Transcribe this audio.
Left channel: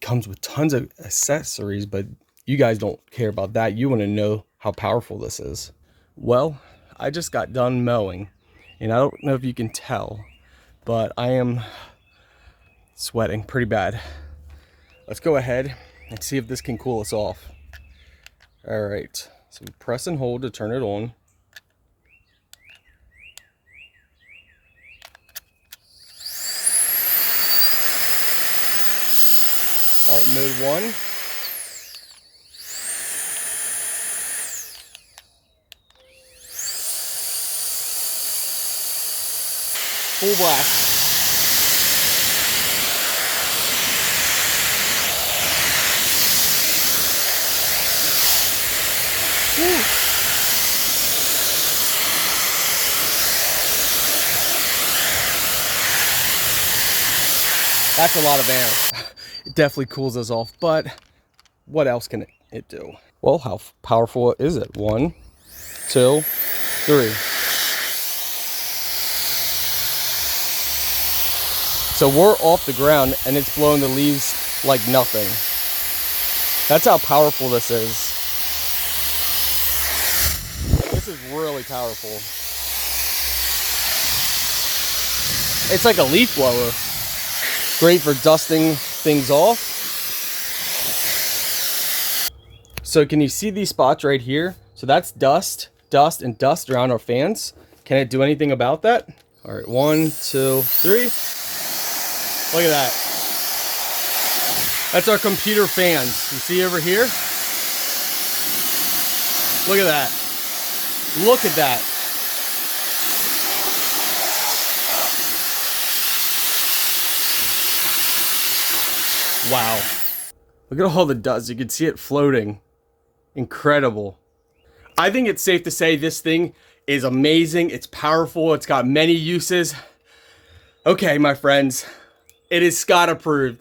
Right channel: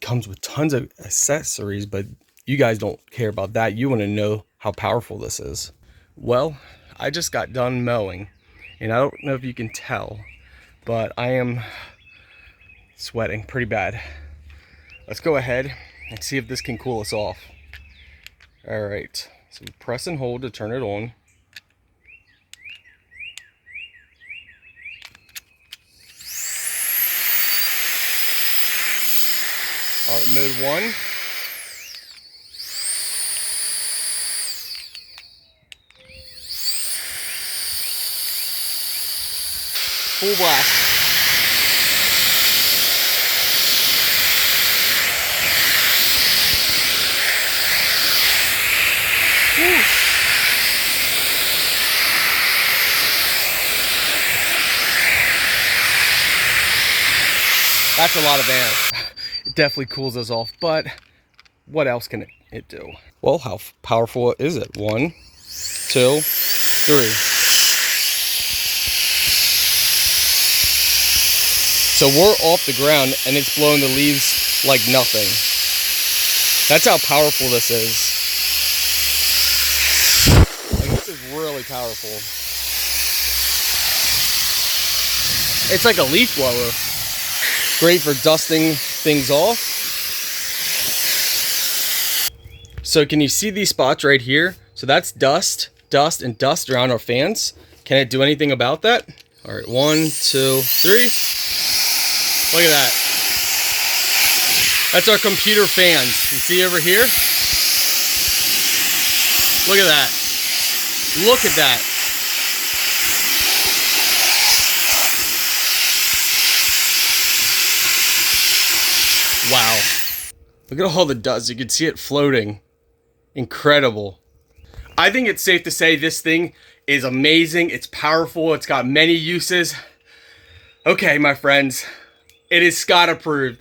It comes with tons of accessories, but you guys don't care about that. You want to know how powerful this is. Well, I just got done mowing, and I don't know if you can tell, but I am sweating pretty bad. Let's go ahead and see if this can cool us off. All right, so press and hold to turn it on. All right, mode 1. Full blast. Woo. That's a lot of air. It definitely cools us off, but what else can it do? Well, how powerful is it? 1, 2, 3. So we're off the ground and it's blowing the leaves like nothing. That's how powerful this is. And this is really powerful. It's like a leaf blower. Great for dusting things off. So can you see these spots right here? So that's dust, and dust around our fans. Can it do anything about that? All right, 1, 2, 3. Look at that. That's our computer fans. You see over here? Look at that. Look at that. Wow. Look at all the dust. You can see it floating. Incredible. I think it's safe to say this thing is amazing. It's powerful. It's got many uses. Okay, my friends. It is Scott approved.